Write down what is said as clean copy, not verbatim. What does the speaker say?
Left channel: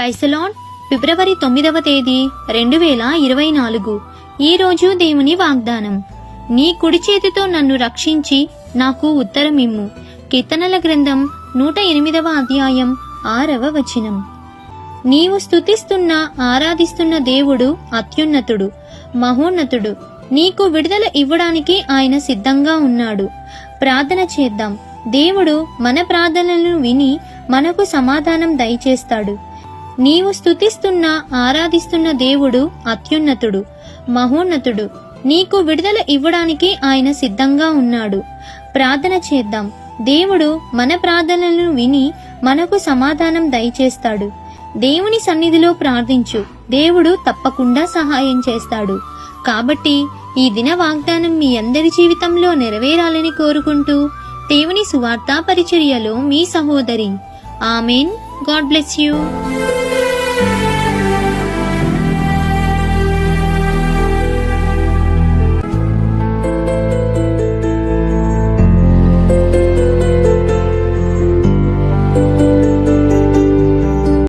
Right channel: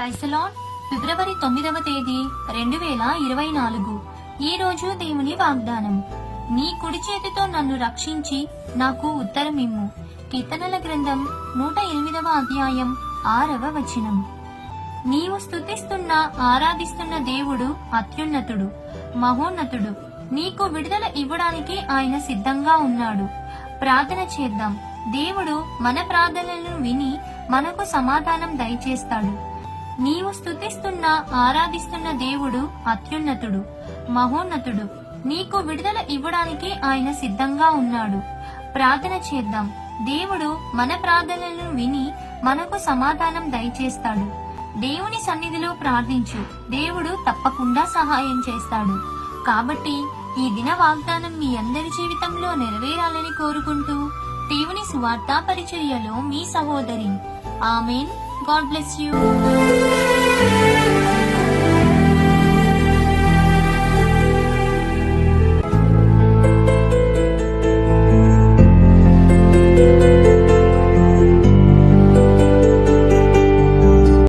Praise the Lord. ఫిబ్రవరి 9వ తేదీ 2024. ఈ రోజు దేవుని వాగ్దానం. నీ కుడి చేతితో నన్ను రక్షించి నాకు ఉత్తరమిమ్ము. కీర్తనల గ్రంథం 108వ అధ్యాయం 6వ వచనం. నీవు స్తుతిస్తున్న ఆరాధిస్తున్న దేవుడు అత్యున్నతుడు, మహోన్నతుడు. నీకు విడుదల ఇవ్వడానికి ఆయన సిద్ధంగా ఉన్నాడు. ప్రార్థన చేద్దాం. దేవుడు మన ప్రార్థనలను విని మనకు సమాధానం దయచేస్తాడు. నీవు స్తుతిస్తున్న ఆరాధిస్తున్న దేవుడు అత్యున్నతుడు, మహోన్నతుడు. నీకు విడుదల ఇవ్వడానికి ఆయన సిద్ధంగా ఉన్నాడు. ప్రార్థన చేద్దాం. దేవుడు మన ప్రార్థనలను విని మనకు సమాధానం దయచేస్తాడు. దేవుని సన్నిధిలో ప్రార్థించు. దేవుడు తప్పకుండా సహాయం చేస్తాడు. కాబట్టి ఈ దిన వాగ్దానం మీ అందరి జీవితంలో నెరవేరాలని కోరుకుంటూ దేవుని సువార్త పరిచర్యలో మీ సహోదరి. ఆమెన్. God bless you.